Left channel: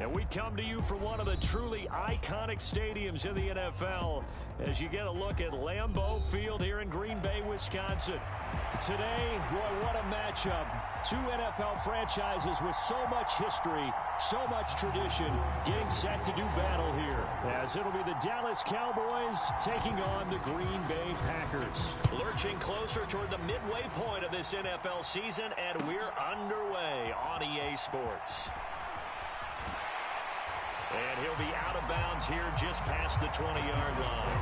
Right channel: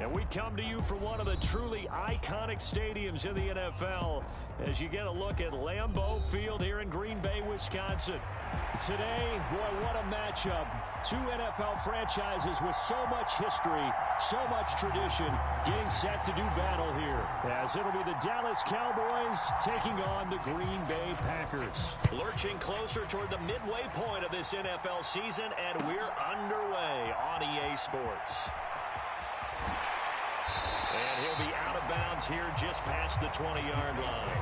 And we come to you from one of the truly iconic stadiums in the NFL as you get a look at Lambeau Field here in Green Bay, Wisconsin. Today, boy, what a matchup. Two NFL franchises with so much history, so much tradition, getting set to do battle here, as it'll be the Dallas Cowboys taking on the Green Bay Packers. Lurching closer toward the midway point of this NFL season, and we're underway on EA Sports. And he'll be out of bounds here just past the 20-yard line.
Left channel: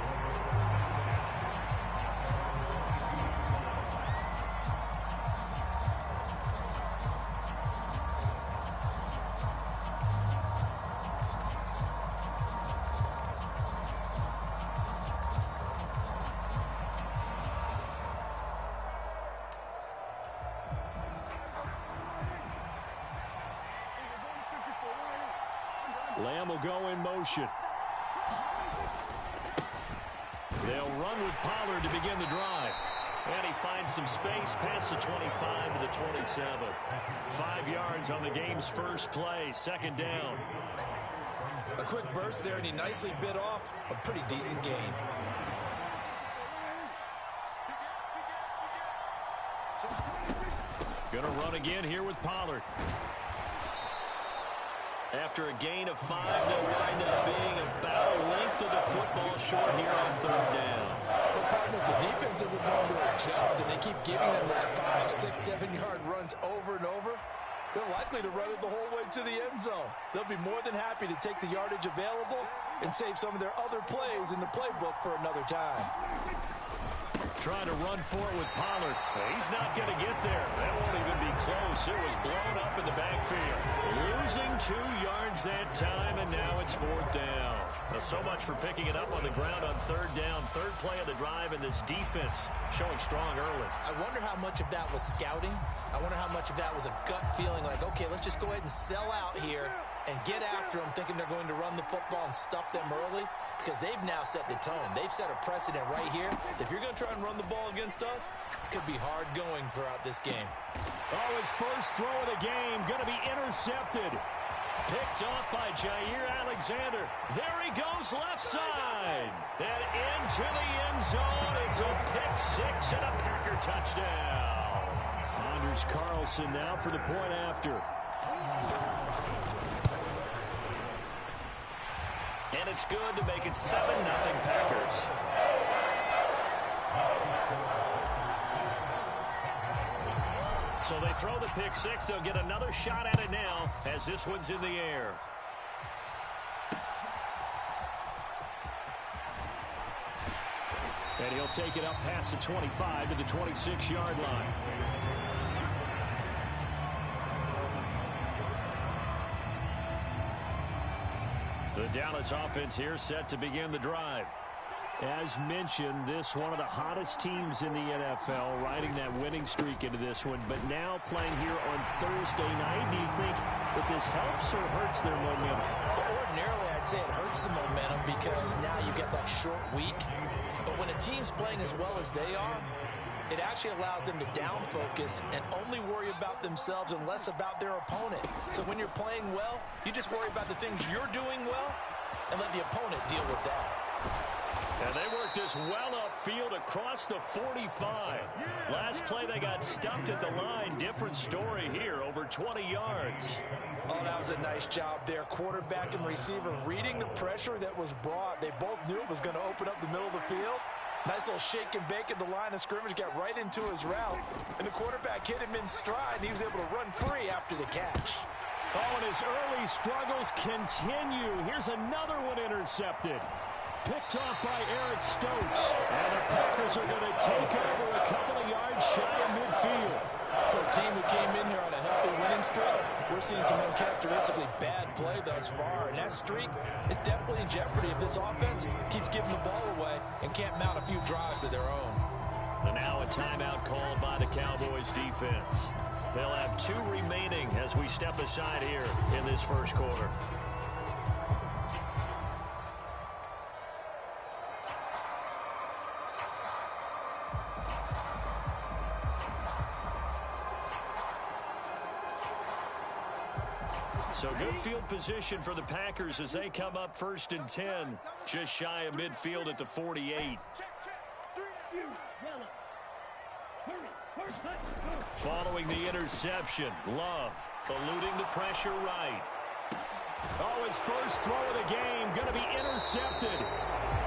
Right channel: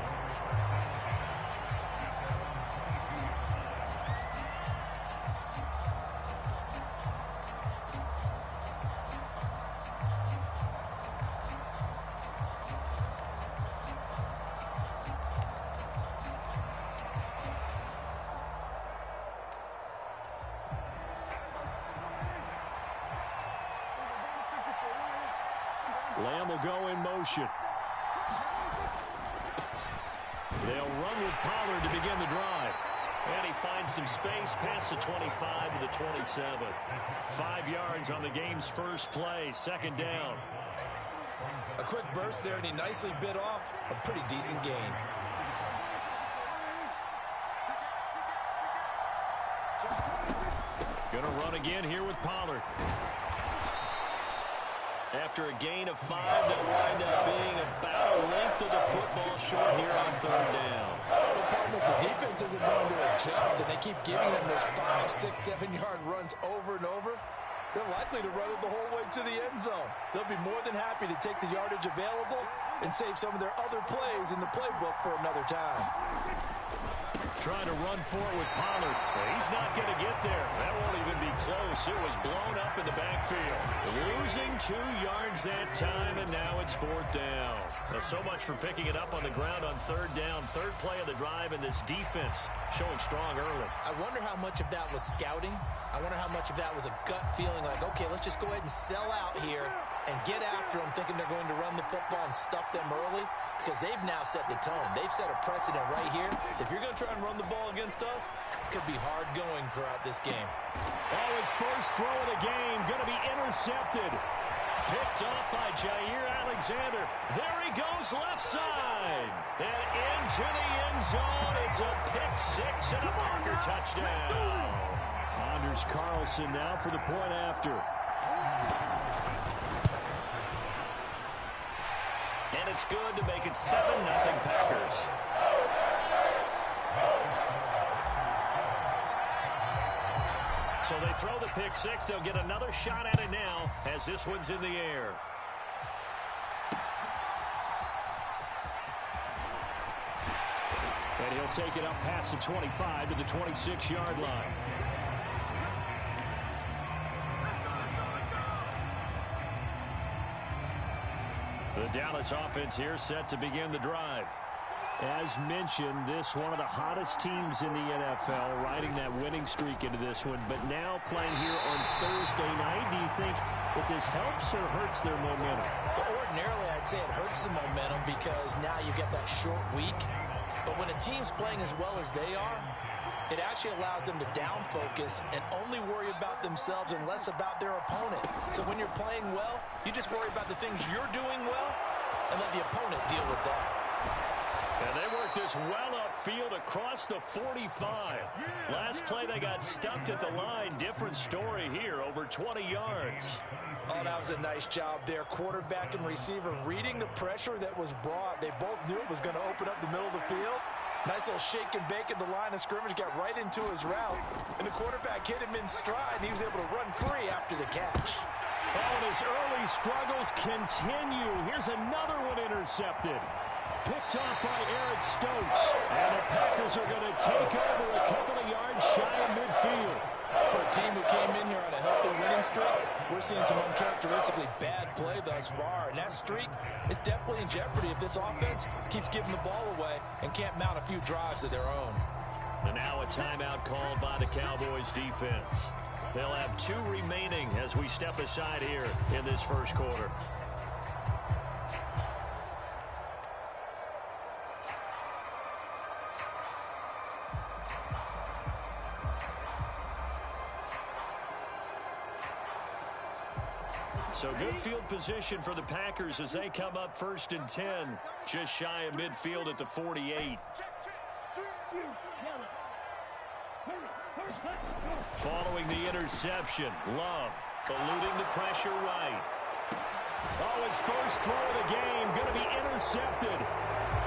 Lamb will go in motion. They'll run with Pollard to begin the drive. And he finds some space past the 25 to the 27. 5 yards on the game's first play, second down. A quick burst there, and he nicely bit off a pretty decent gain. Gonna run again here with Pollard. After a gain of 5, they'll wind up being about a length of the football short here on third down. Well, partner, the defense isn't going to adjust, and they keep giving them those 5, 6, 7-yard runs over and over. They're likely to run it the whole way to the end zone. They'll be more than happy to take the yardage available and save some of their other plays in the playbook for another time. Trying to run for it with Pollard. He's not going to get there. That won't even be close. It was blown up in the backfield. Losing 2 yards that time, and now it's fourth down. Now, so much for picking it up on the ground on third down. Third play of the drive, and this defense showing strong early. I wonder how much of that was scouting. I wonder how much of that was a gut feeling like, okay, let's just go ahead and sell out here and get after them, thinking they're going to run the football and stuff them early, because they've now set the tone. They've set a precedent right here. If you're going to try and run the ball against us, it could be hard going throughout this game. Oh, his first throw of the game going to be intercepted. Picked off by Jair Alexander. There he goes left side. And into the end zone. It's a pick-6 and a Packer touchdown. Anders Carlson now for the point after. And it's good to make it 7-0 Packers. So they throw the pick-6. They'll get another shot at it now as this one's in the air. And he'll take it up past the 25 to the 26-yard line. The Dallas offense here set to begin the drive. As mentioned, this one of the hottest teams in the NFL, riding that winning streak into this one, but now playing here on Thursday night. Do you think that this helps or hurts their momentum? Well, ordinarily, I'd say it hurts the momentum because now you get that short week. But when a team's playing as well as they are, it actually allows them to down focus and only worry about themselves and less about their opponent. So when you're playing well, you just worry about the things you're doing well and let the opponent deal with that. And they work this well upfield across the 45. Last play they got stuffed at the line. Different story here, over 20 yards. Oh, that was a nice job there. Quarterback and receiver reading the pressure that was brought. They both knew it was going to open up the middle of the field. Nice little shake and bake at the line of scrimmage, got right into his route. And the quarterback hit him in stride, and he was able to run free after the catch. Oh, and his early struggles continue. Here's another one intercepted. Picked off by Eric Stokes. And the Packers are going to take over a couple of yards shy of midfield. For a team who came in here on a healthy winning streak, we're seeing some uncharacteristically bad play thus far. And that streak is definitely in jeopardy if this offense keeps giving the ball away and can't mount a few drives of their own. And now a timeout called by the Cowboys defense. They'll have 2 remaining as we step aside here in this first quarter. So good field position for the Packers as they come up 1st and 10. Just shy of midfield at the 48. Following the interception, Love eluding the pressure right. Oh, his first throw of the game going to be intercepted.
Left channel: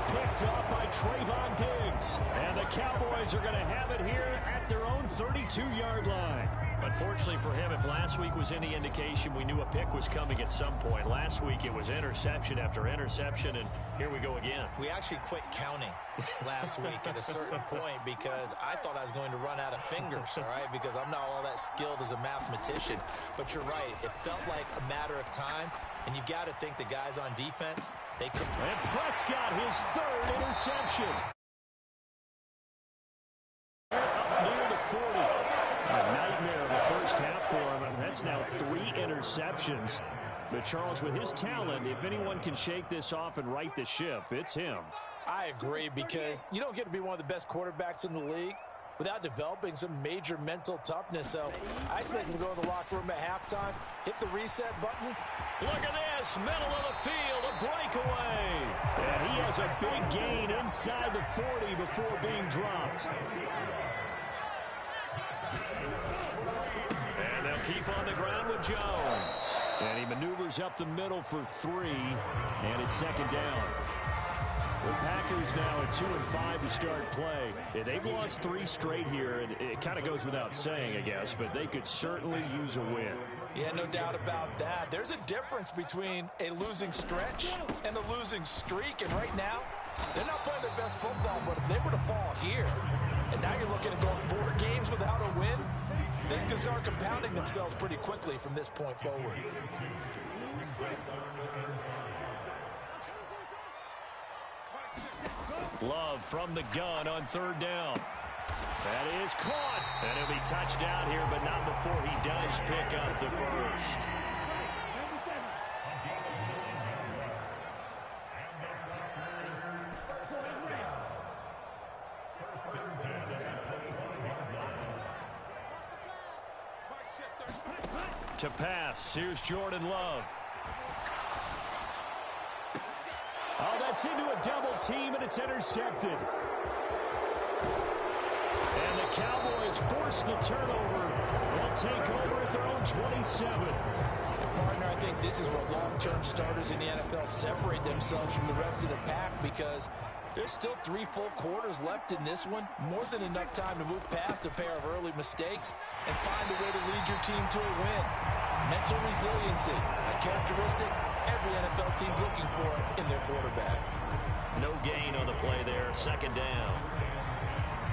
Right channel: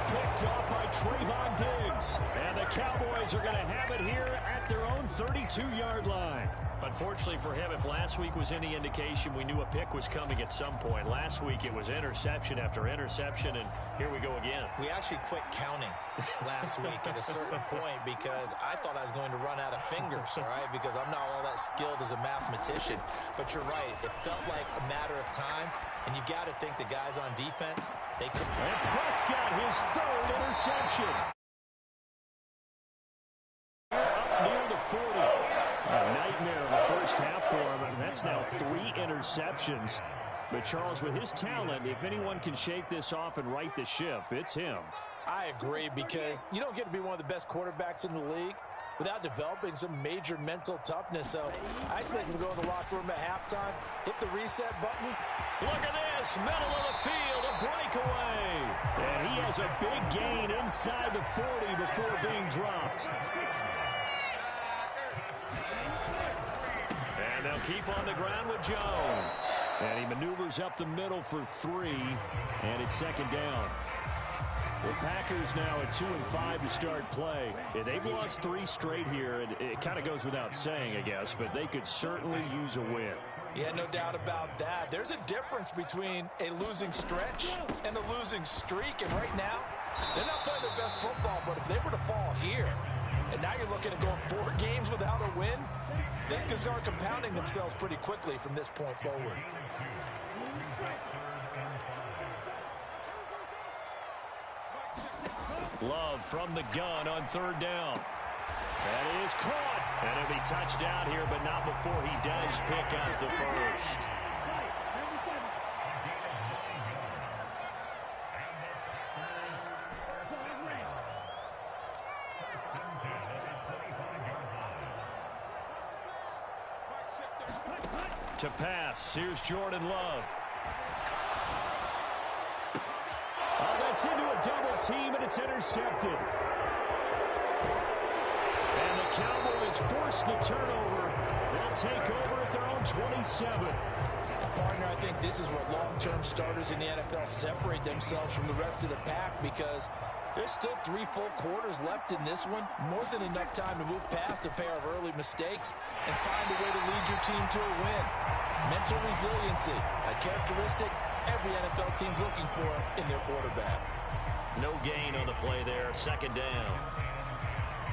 Picked up by Trayvon Diggs. And the Cowboys are going to have it here at their own 32-yard line. Unfortunately for him, if last week was any indication, we knew a pick was coming at some point. Last week it was interception after interception, and here we go again. We actually quit counting last week at a certain point because I thought I was going to run out of fingers, all right, because I'm not all that skilled as a mathematician. But you're right. It felt like a matter of time, and you got to think the guys on defense, they could. And Prescott, his 3rd interception. Up near the 40. A nightmare of a first half for him. That's now 3 interceptions. But Charles, with his talent, if anyone can shake this off and right the ship, it's him. I agree, because you don't get to be one of the best quarterbacks in the league without developing some major mental toughness. So I expect him to go in the locker room at halftime, hit the reset button. Look at this, middle of the field, a breakaway. And he has a big gain inside the 40 before being dropped. And they'll keep on the ground with Jones. And he maneuvers up the middle for 3, and it's 2nd down. The Packers now at 2-5 to start play. They've lost 3 straight here, and it kind of goes without saying, I guess, but they could certainly use a win. Yeah, no doubt about that. There's a difference between a losing stretch and a losing streak, and right now, they're not playing their best football, but if they were to fall here, and now you're looking at going 4 games without a win, things can start compounding themselves pretty quickly from this point forward. Love from the gun on 3rd down. That is caught. And it'll be touchdown here, but not before he does pick up the first. To pass, here's Jordan Love. Oh, that's into a double team, and it's intercepted. And the Cowboys force the turnover. They'll take over at their own 27. And partner, I think this is where long-term starters in the NFL separate themselves from the rest of the pack, because there's still 3 full quarters left in this one. More than enough time to move past a pair of early mistakes and find a way to lead your team to a win. Mental resiliency, a characteristic every NFL team's looking for in their quarterback. No gain on the play there, 2nd down.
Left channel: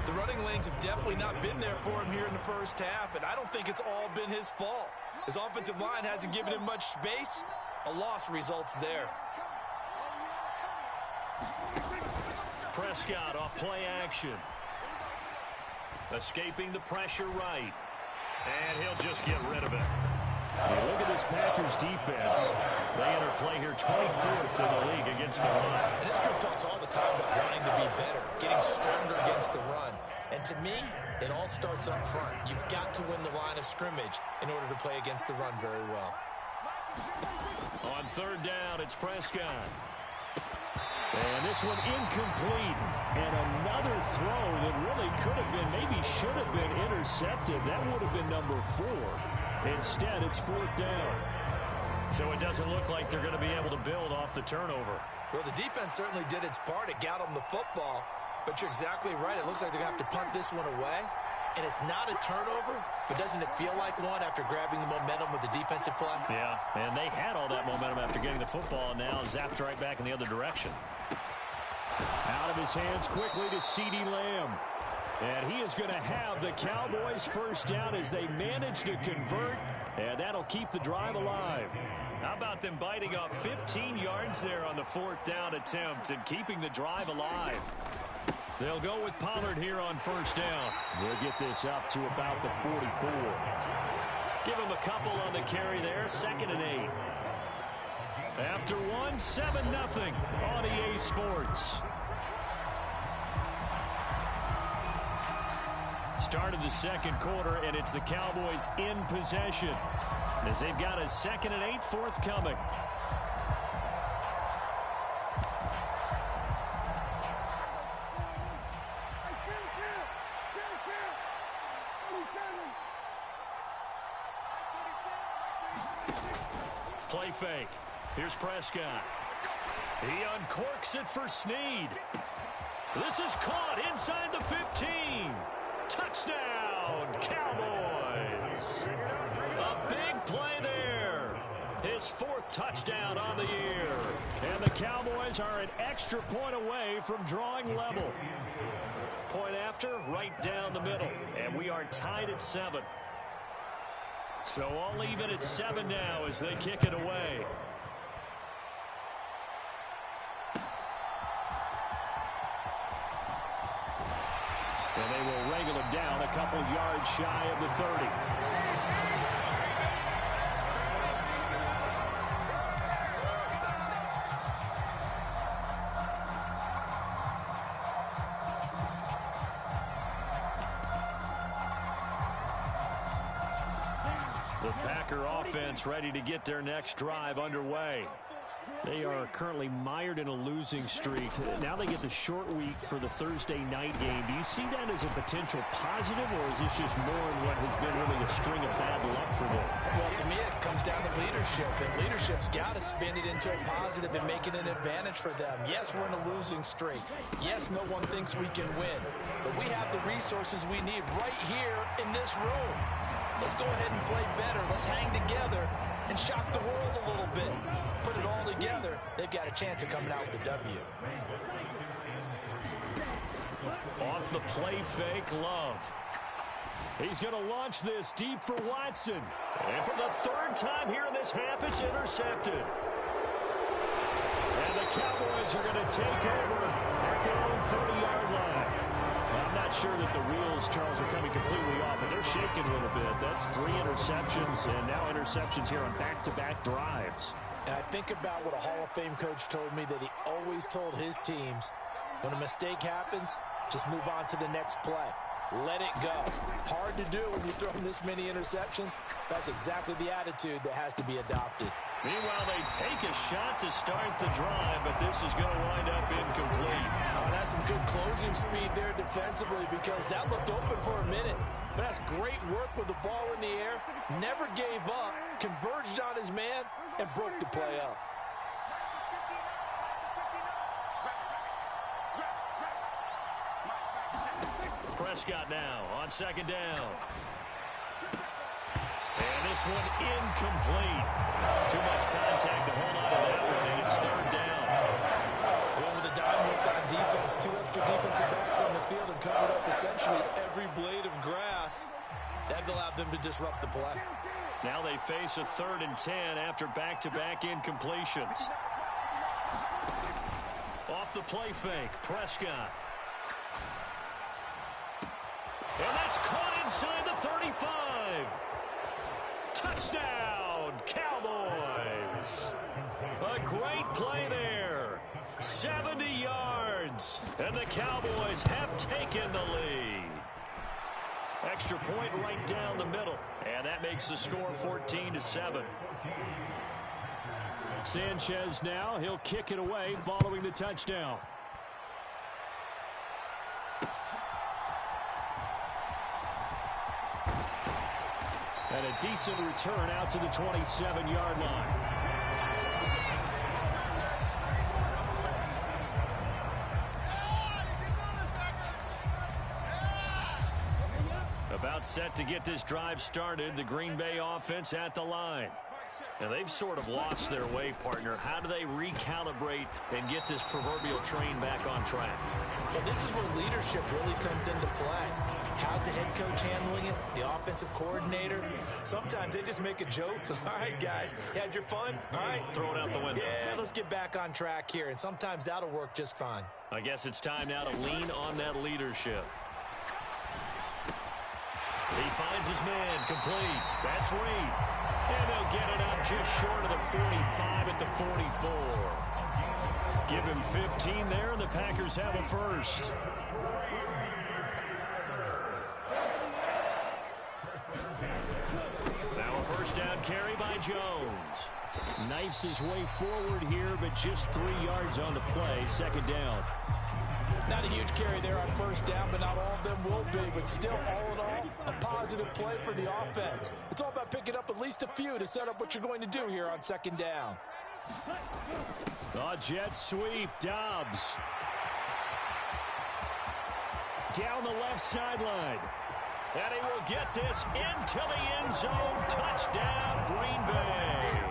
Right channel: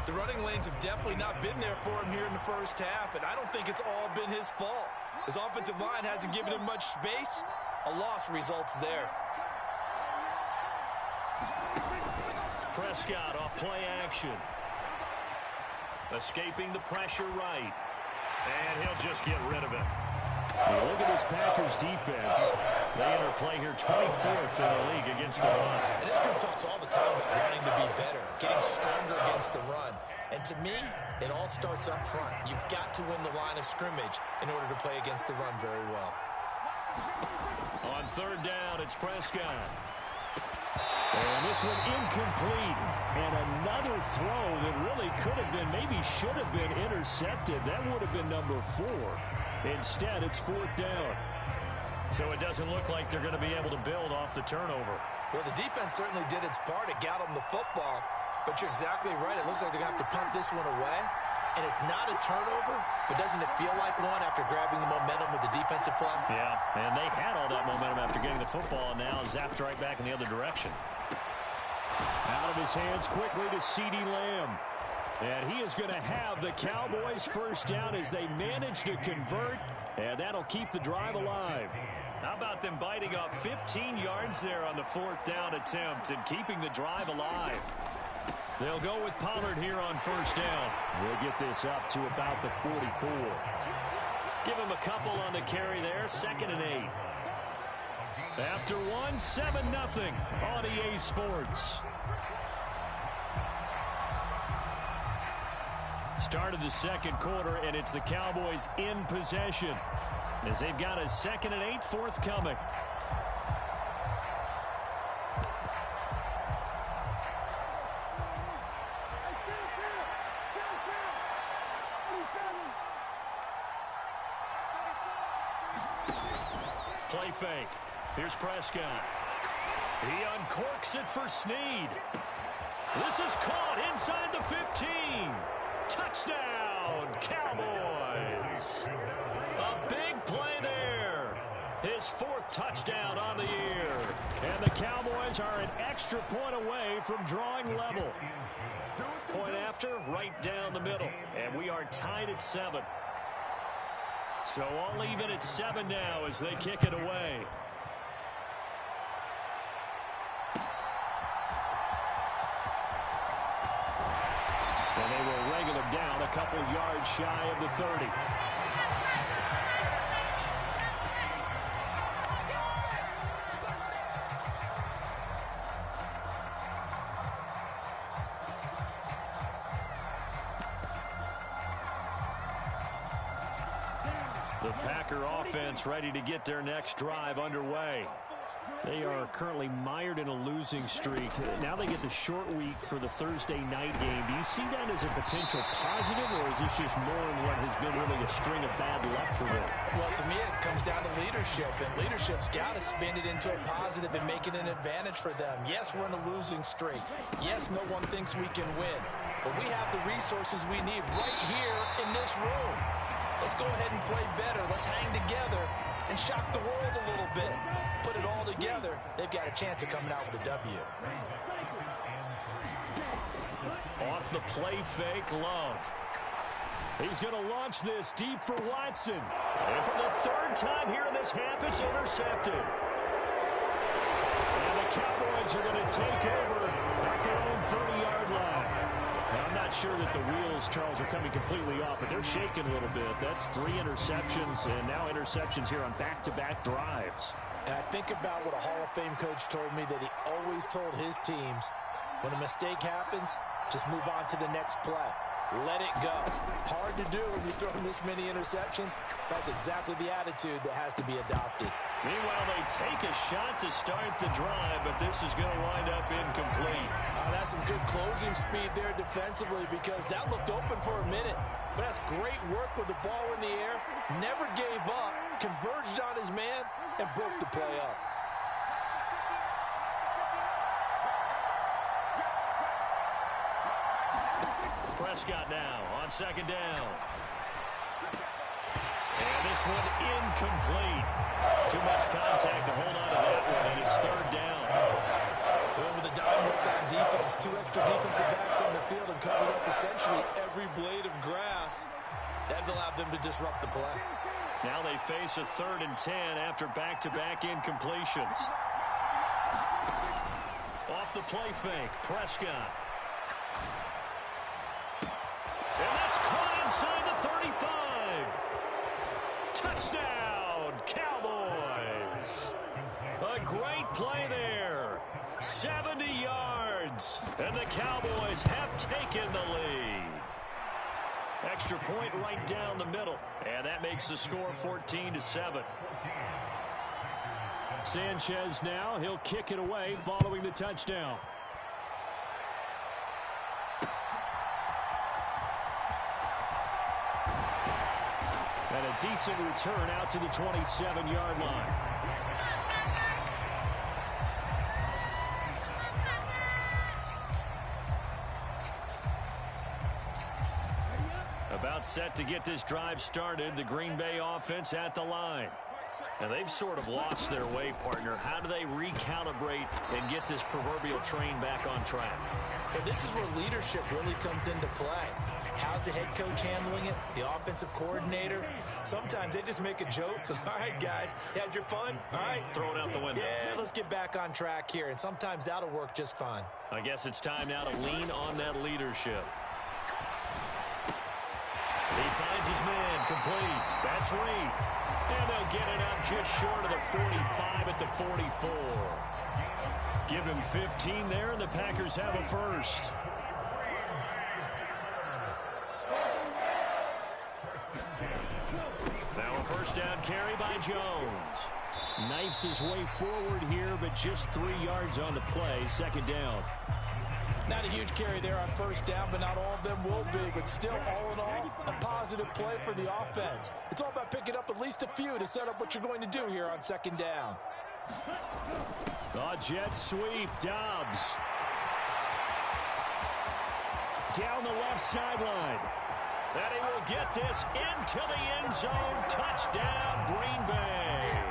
The running lanes have definitely not been there for him here in the first half, and I don't think it's all been his fault. His offensive line hasn't given him much space. A loss results there. Prescott off play action. Escaping the pressure right. And he'll just get rid of it. Hey, look at this Packers defense. They enter play here 24th in the league against the run. And this group talks all the time about wanting to be better, getting stronger against the run. And to me, it all starts up front. You've got to win the line of scrimmage in order to play against the run very well. On 3rd down, it's Prescott. And this one incomplete. And another throw that really could have been, maybe should have been intercepted. That would have been number 4. Instead, it's 4th down. So it doesn't look like they're going to be able to build off the turnover. Well, the defense certainly did its part. It got them the football. But you're exactly right. It looks like they're going to have to punt this one away. And it's not a turnover, but doesn't it feel like one after grabbing the momentum with the defensive play? Yeah, and they had all that momentum after getting the football, and now zapped right back in the other direction. Out of his hands quickly to CeeDee Lamb. And he is going to have the Cowboys first down as they manage to convert, and that'll keep the drive alive. How about them biting off 15 yards there on the 4th down attempt and keeping the drive alive? They'll go with Pollard here on 1st down. We'll get this up to about the 44. Give him a couple on the carry there, 2nd and 8. After one, 7-0 on EA Sports. Start of the 2nd quarter, and it's the Cowboys in possession. as they've got a 2nd and 8 forthcoming. Play fake. Here's Prescott. He uncorks it for Snead. This is caught inside the 15. Touchdown, Cowboys. A big play there. His 4th touchdown on the year. And the Cowboys are an extra point away from drawing level. Point after, right down the middle. And we are tied at 7. So all even at 7 now as they kick it away. And they will wrangle him down a couple yards shy of the 30. The Packer offense ready to get their next drive underway. They are currently mired in a losing streak. Now they get the short week for the Thursday night game. Do you see that as a potential positive, or is this just more in what has been really a string of bad luck for them? Well, to me, it comes down to leadership, and leadership's got to spin it into a positive and make it an advantage for them. Yes, we're in a losing streak. Yes, no one thinks we can win, but we have the resources we need right here in this room. Let's go ahead and play better. Let's hang together and shock the world a little bit. Put it all together, they've got a chance of coming out with a W. Off the play fake, Love. He's going to launch this deep for Watson. And for the 3rd time here in this half, it's intercepted. And the Cowboys are going to take over at their own 30-yard line. I'm not sure that the wheels, Charles, are coming completely off, but they're shaking a little bit. That's 3 interceptions, and now interceptions here on back-to-back drives. And I think about what a Hall of Fame coach told me, that he always told his teams, when a mistake happens, just move on to the next play. Let it go. Hard to do when you throw this many interceptions. That's exactly the attitude that has to be adopted. Meanwhile, they take a shot to start the drive, but this is going to wind up incomplete. That's some good closing speed there defensively, because that looked open for a minute. But that's great work with the ball in the air. Never gave up, converged on his man, and broke the play up. Prescott now on 2nd down. And this one incomplete. Too much contact to hold on to that one, and it's 3rd down. Going with a dime work on defense. 2 extra defensive backs on the field and covered up essentially every blade of grass. That allowed them to disrupt the play. Now they face a 3rd and 10 after back-to-back incompletions. Off the play fake, Prescott. And that's caught inside the 35. Touchdown, Cowboys. A great play there. 70 yards. And the Cowboys have taken the lead. Extra point right down the middle. And that makes the score 14-7. Sanchez now. He'll kick it away following the touchdown. And a decent return out to the 27-yard line. About set to get this drive started. The Green Bay offense at the line. And they've sort of lost their way, partner. How do they recalibrate and get this proverbial train back on track? Well, this is where leadership really comes into play. How's the head coach handling it? The offensive coordinator? Sometimes they just make a joke. All right, guys, you had your fun? All right. Throw it out the window. Yeah, let's get back on track here. And sometimes that'll work just fine. I guess it's time now to lean on that leadership. He finds his man complete. That's Reed. And they'll get it up just short of the 45 at the 44. Give him 15 there, and the Packers have a first. Now a 1st First down carry by Jones. Knifes his way forward here, but just 3 yards on the play. Second down. Not a huge carry there on first down, but not all of them will be. But still, all in all, a positive play for the offense. It's all about picking up at least a few to set up what you're going to do here on second down. The jet sweep. Dobbs. Down the left sideline. And he will get this into the end zone. Touchdown, Green Bay.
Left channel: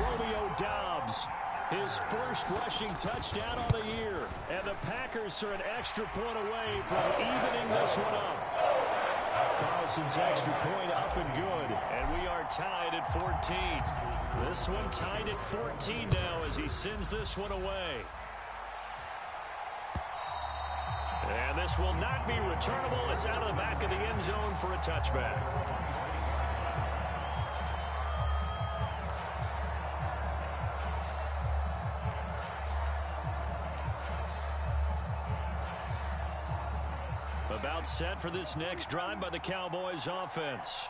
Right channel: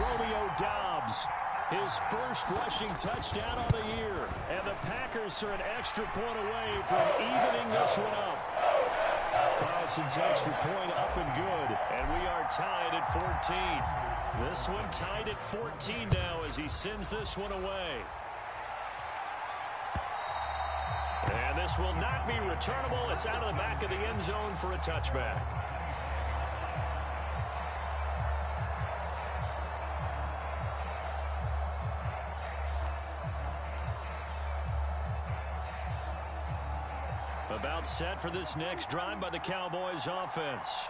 Romeo Dobbs, his first rushing touchdown on the year. And the Packers are an extra point away from evening this one up. Carlson's extra point up and good. And we are tied at 14. This one tied at 14 now as he sends this one away. And this will not be returnable. It's out of the back of the end zone for a touchback. About set for this next drive by the Cowboys offense.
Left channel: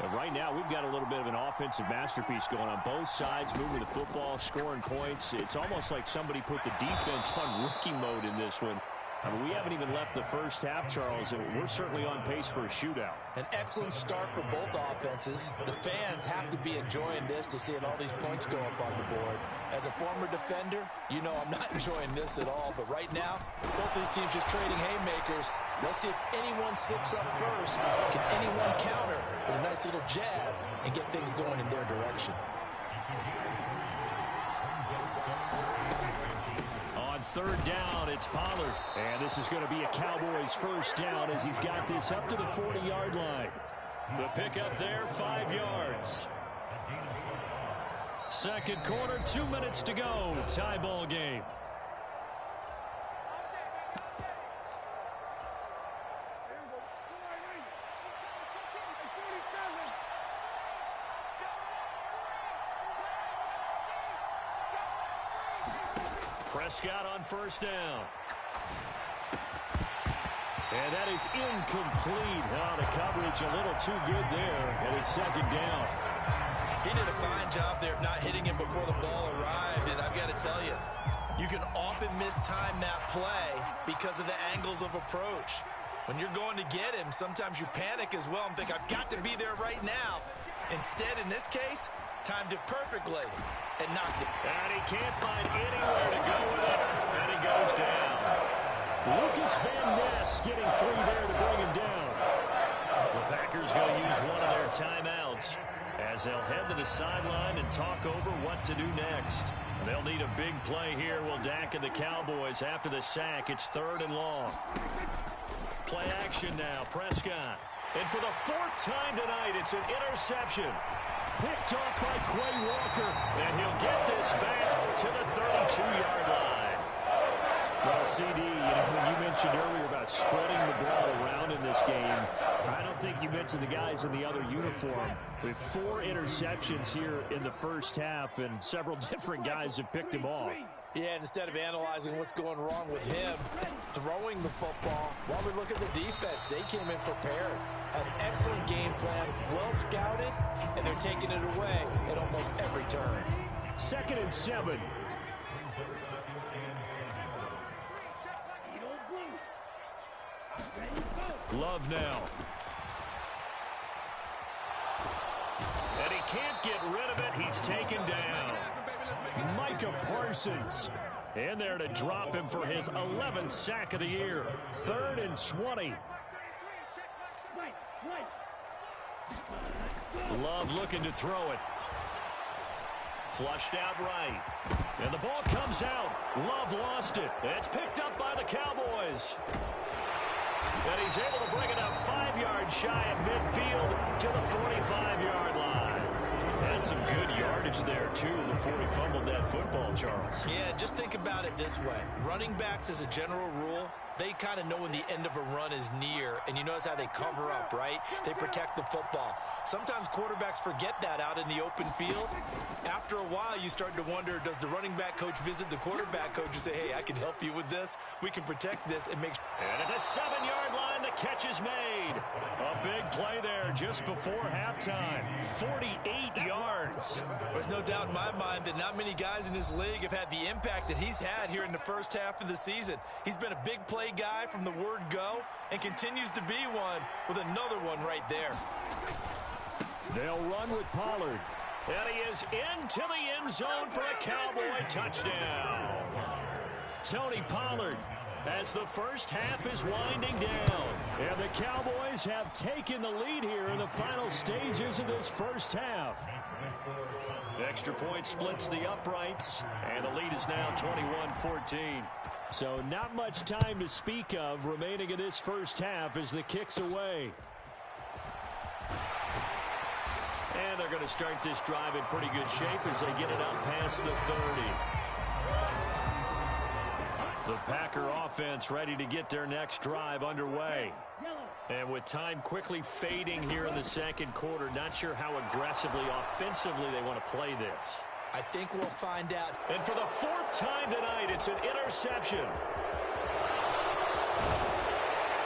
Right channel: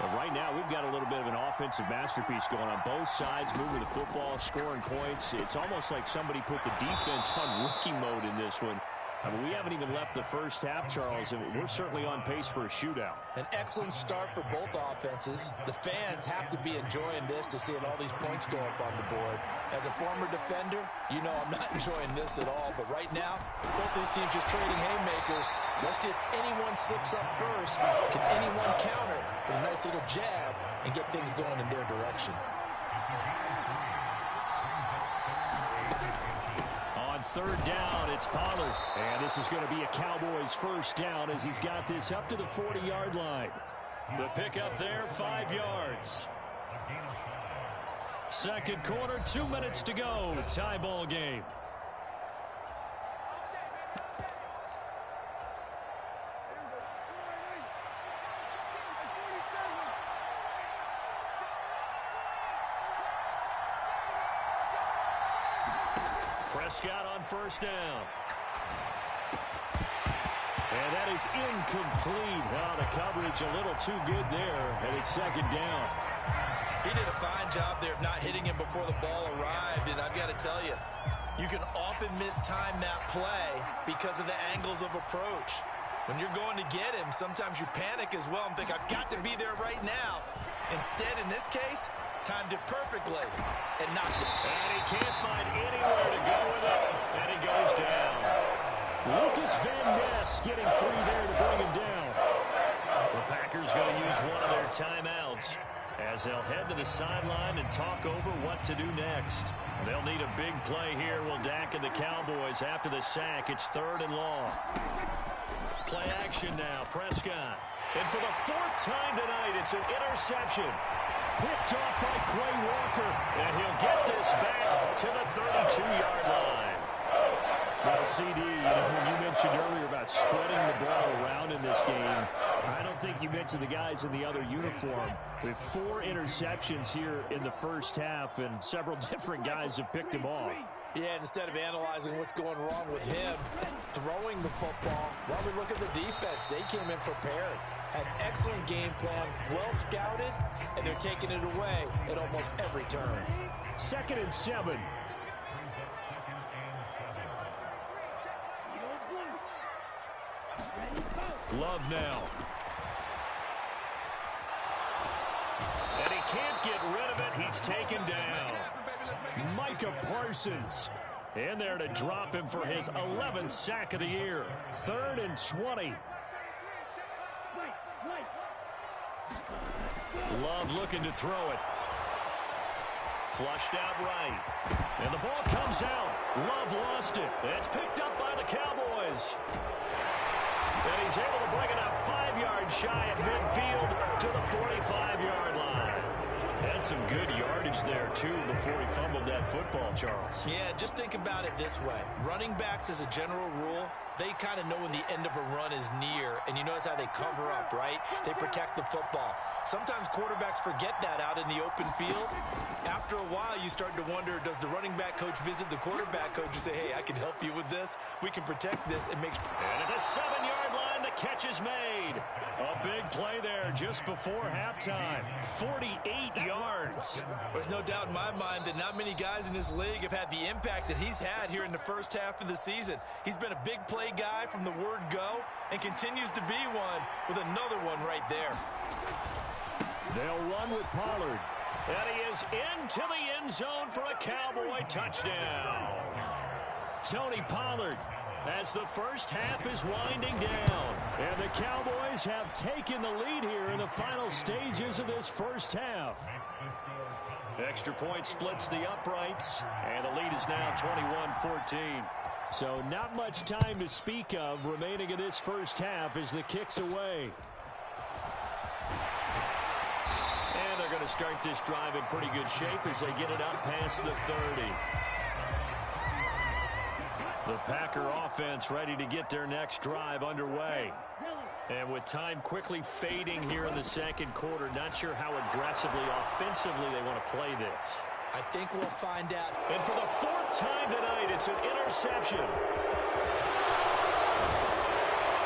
But right now, we've got a little bit of an offensive masterpiece going on both sides, moving the football, scoring points. It's almost like somebody put the defense on rookie mode in this one. I mean, we haven't even left the first half, Charles, and we're certainly on pace for a shootout. An excellent start for both offenses. The fans have to be enjoying this to seeing all these points go up on the board. As a former defender, you know I'm not enjoying this at all. But right now, both these teams just trading haymakers. Let's see if anyone slips up first. Can anyone counter with a nice little jab and get things going in their direction? On third down, it's Pollard. And this is going to be a Cowboys first down as he's got this up to the 40-yard line. The pickup there, 5 yards. Second quarter, 2 minutes to go. Tie ball game. Prescott on first down. And that is incomplete. Oh, the coverage a little too good there, and it's second down. He did a fine job there of not hitting him before the ball arrived, and I've got to tell you, you can often mistime that play because of the angles of approach. When you're going to get him, sometimes you panic as well and think, I've got to be there right now. Instead, in this case, timed it perfectly and knocked it. And he can't find anywhere to go with it, and he goes down. Lucas Van Ness getting 3 there to bring him down. The Packers going to use one of their timeouts as they'll head to the sideline and talk over what to do next. They'll need a big play here. Will Dak and the Cowboys after the sack. It's 3rd and long. Play action now. Prescott. And for the 4th time tonight, it's an interception. Picked off by Quay Walker, and he'll get this back to the 32-yard line. Well, CD, when you mentioned earlier about spreading the ball around in this game, I don't think you mentioned the guys in the other uniform. With 4 interceptions here in the first half, and several different guys have picked him off. Yeah, and instead of analyzing what's going wrong with him throwing the football, well, we look at the defense. They came in prepared, had an excellent game plan, well scouted, and they're taking it away at almost every turn. 2nd and 7. Love now. And he can't get rid of it. He's taken down. Micah Parsons in there to drop him for his 11th sack of the year. 3rd and 20. Love looking to throw it. Flushed out right. And the ball comes out. Love lost it. It's picked up by the Cowboys. And he's able to bring it up 5 yards shy of midfield to the 45-yard line. Had some good yardage there, too, before he fumbled that football, Charles. Yeah, just think about it this way. Running backs, as a general rule, they kind of know when the end of a run is near, and you notice how they cover up, right? They protect the football. Sometimes quarterbacks forget that out in the open field. After a while, you start to wonder, does the running back coach visit the quarterback coach and say, hey, I can help you with this. We can protect this and make... And at the 7-yard line, the catch is made. A big play there just before halftime. 48 yards. There's no doubt in my mind that not many guys in this league have had the impact that he's had here in the first half of the season. He's been a big play guy from the word go and continues to be one with another one right there. They'll run with Pollard. And he is into the end zone for a Cowboy touchdown. Tony Pollard as the first half is winding down. And the Cowboys have taken the lead here in the final stages of this first half. Extra point splits the uprights, and the lead is now 21-14. So not much time to speak of remaining in this first half as the kick's away. And they're going to start this drive in pretty good shape as they get it up past the 30. The Packer offense ready to get their next drive underway. And with time quickly fading here in the second quarter, not sure how aggressively, offensively they want to play this. I think we'll find out. And for the fourth time tonight, it's an interception.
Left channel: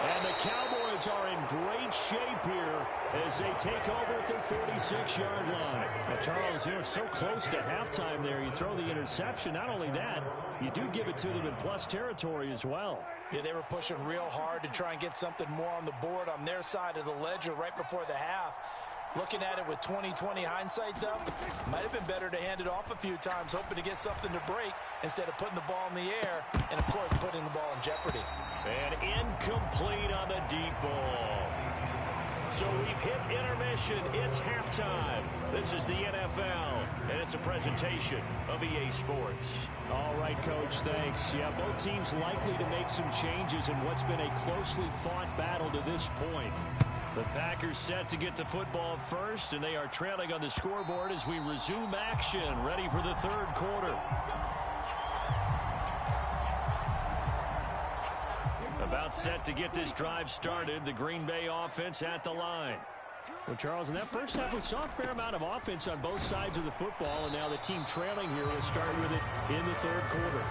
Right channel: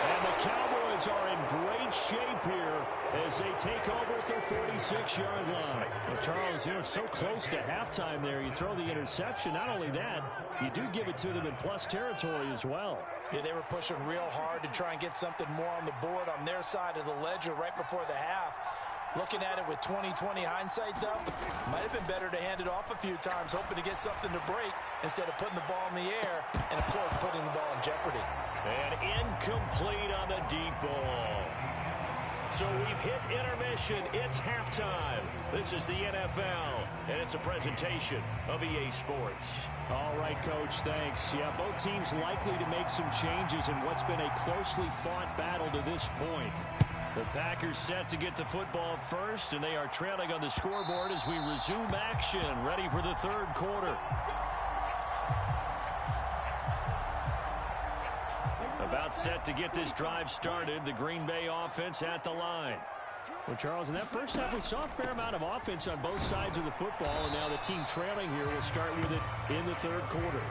And the Cowboys are in great shape here as they take over at their 46-yard line. Well, Charles, you're so close to halftime there. You throw the interception. Not only that, you do give it to them in plus territory as well. Yeah, they were pushing real hard to try and get something more on the board on their side of the ledger right before the half. Looking at it with 20/20 hindsight, though, might have been better to hand it off a few times, hoping to get something to break instead of putting the ball in the air and, of course, putting the ball in jeopardy. And incomplete on the deep ball. So we've hit intermission. It's halftime. This is the NFL, and it's a presentation of EA Sports. All right, Coach, thanks. Yeah, both teams likely to make some changes in what's been a closely fought battle to this point. The Packers set to get the football first, and they are trailing on the scoreboard as we resume action, ready for the third quarter. About set to get this drive started, the Green Bay offense at the line. Well, Charles, in that first half, we saw a fair amount of offense on both sides of the football, and now the team trailing here will start with it in the third quarter.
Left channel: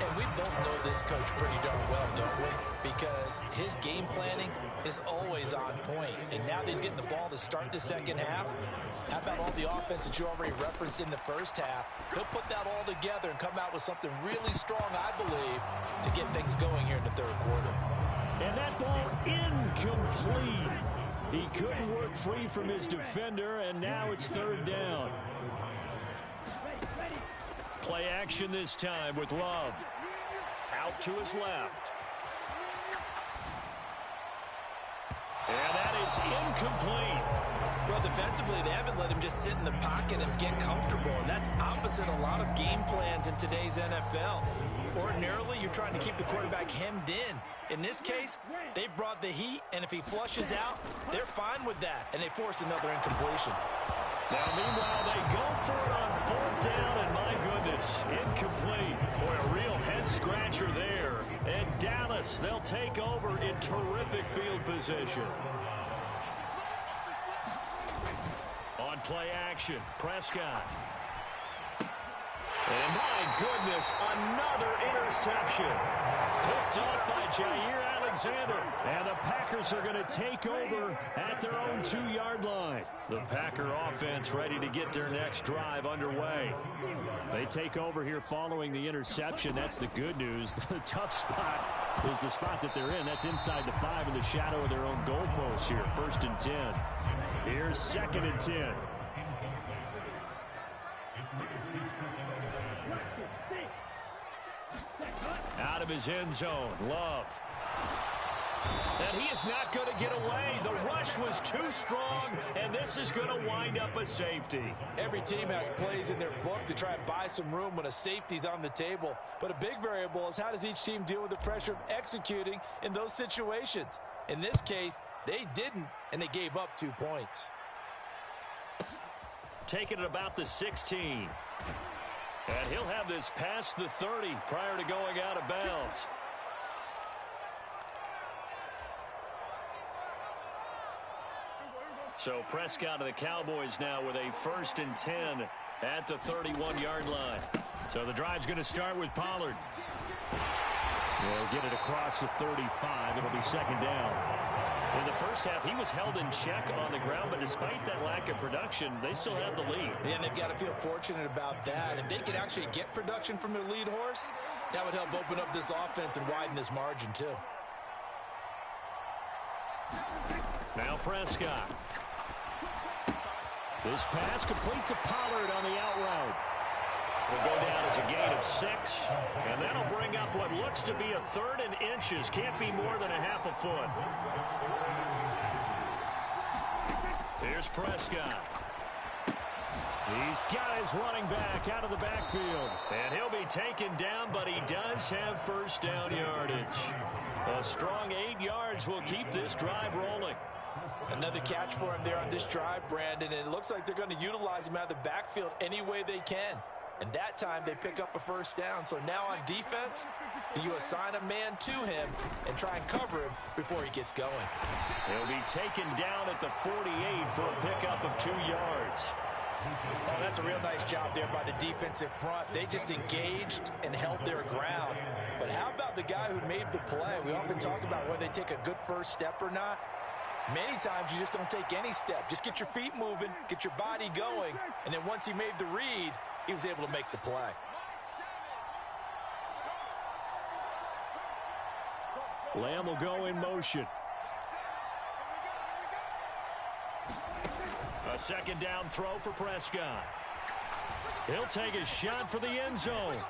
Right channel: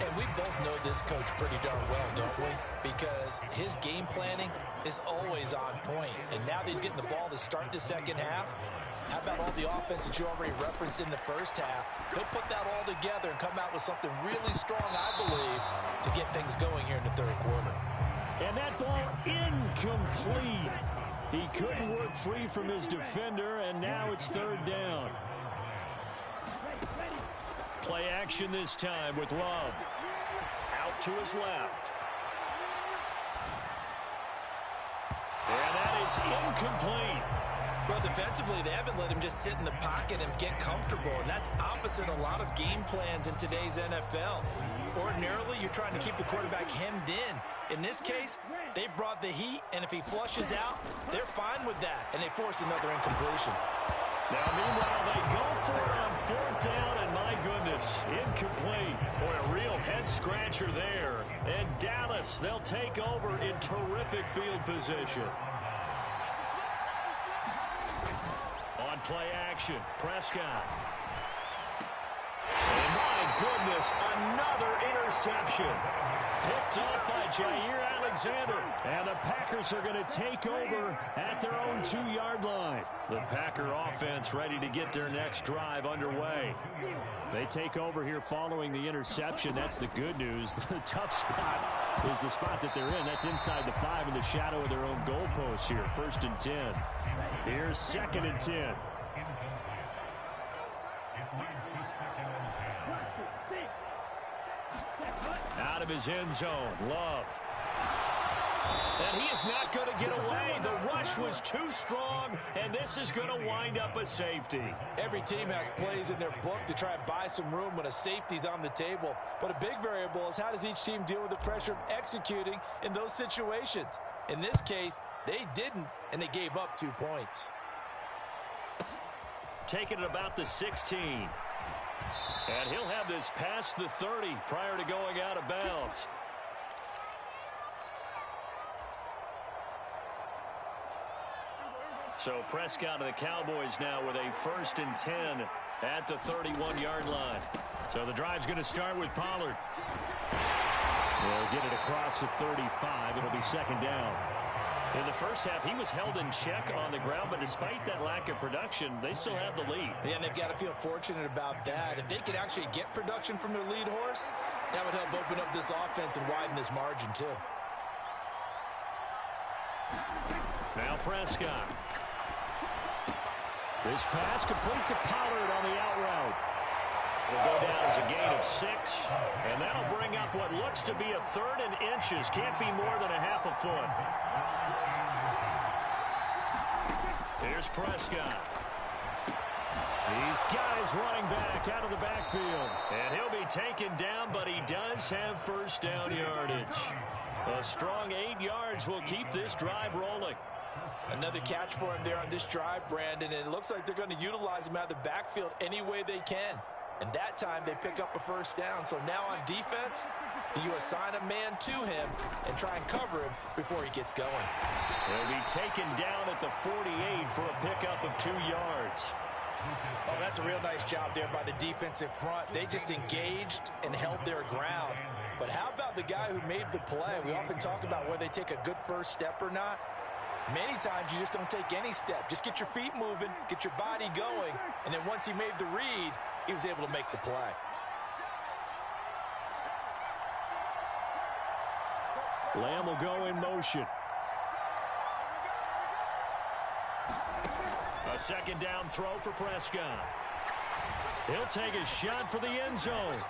And we both know this coach pretty darn well, don't we? Because his game planning is always on point. And now that he's getting the ball to start the second half, how about all the offense that you already referenced in the first half? He'll put that all together and come out with something really strong, I believe, to get things going here in the third quarter. And that ball incomplete. He couldn't work free from his defender, and now it's third down. Play action this time with Love. Out to his left. And that is incomplete. Well, defensively, they haven't let him just sit in the pocket and get comfortable, and that's opposite a lot of game plans in today's NFL. Ordinarily, you're trying to keep the quarterback hemmed in. In this case, they brought the heat, and if he flushes out, they're fine with that, and they force another incompletion. Now, meanwhile, they go for it on fourth down, and my goodness, incomplete. Boy, a real head-scratcher there. And Dallas, they'll take over in terrific field position. On play action, Prescott. And my goodness, another interception. Picked off by Jair Alexander. And the Packers are going to take over at their own 2-yard line. The Packer offense ready to get their next drive underway. They take over here following the interception. That's the good news. The tough spot is the spot that they're in. That's inside the 5 in the shadow of their own goalpost here. 1st and 10. Here's 2nd and 10. Out of his end zone, Love. And he is not going to get away. The rush was too strong, and this is going to wind up a safety. Every team has plays in their book to try and buy some room when a safety's on the table. But a big variable is how does each team deal with the pressure of executing in those situations. In this case, they didn't, and they gave up 2 points. Taking it about the 16. And he'll have this past the 30 prior to going out of bounds. So Prescott of the Cowboys now with a 1st and 10 at the 31-yard line. So the drive's going to start with Pollard. They'll get it across the 35. It'll be 2nd down. In the first half, he was held in check on the ground, but despite that lack of production, they still have the lead. Yeah, and they've got to feel fortunate about that. If they could actually get production from their lead horse, that would help open up this offense and widen this margin, too. Now Prescott. This pass complete to Pollard on the out route. Will go down as a gain of 6, and that'll bring up what looks to be a 3rd and inches. Can't be more than a half a foot. Here's Prescott. He's got his running back out of the backfield, and he'll be taken down, but he does have first down yardage. A strong 8 yards will keep this drive rolling. Another catch for him there on this drive, Brandon, and it looks like they're going to utilize him out of the backfield any way they can. And that time they pick up a first down. So now on defense, do you assign a man to him and try and cover him before he gets going? He'll be taken down at the 48 for a pickup of 2 yards. Oh, that's a real nice job there by the defensive front. They just engaged and held their ground. But how about the guy who made the play? We often talk about whether they take a good first step or not. Many times you just don't take any step. Just get your feet moving, get your body going, and then once he made the read, he was able to make the play. Lamb will go in motion. A second down throw for Prescott. He'll take a shot for the end zone.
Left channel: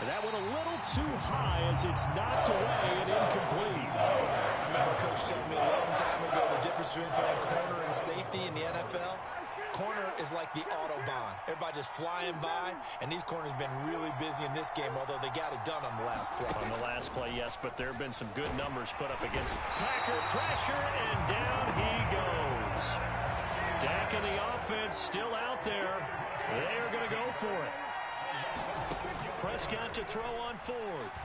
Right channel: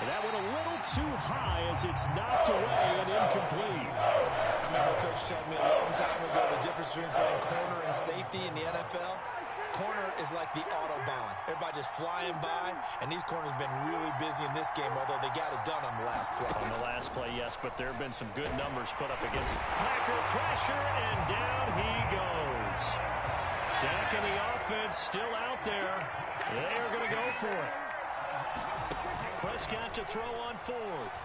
And that went a little too high as it's knocked away and incomplete. I remember Coach telling me a long time ago the difference between playing corner and safety in the NFL. Corner is like the Autobahn. Everybody just flying by, and these corners have been really busy in this game, although they got it done on the last play. On the last play, yes, but there have been some good numbers put up against Packer pressure, and down he goes. Dak and the offense still out there. They are going to go for it. Prescott to throw on 4th.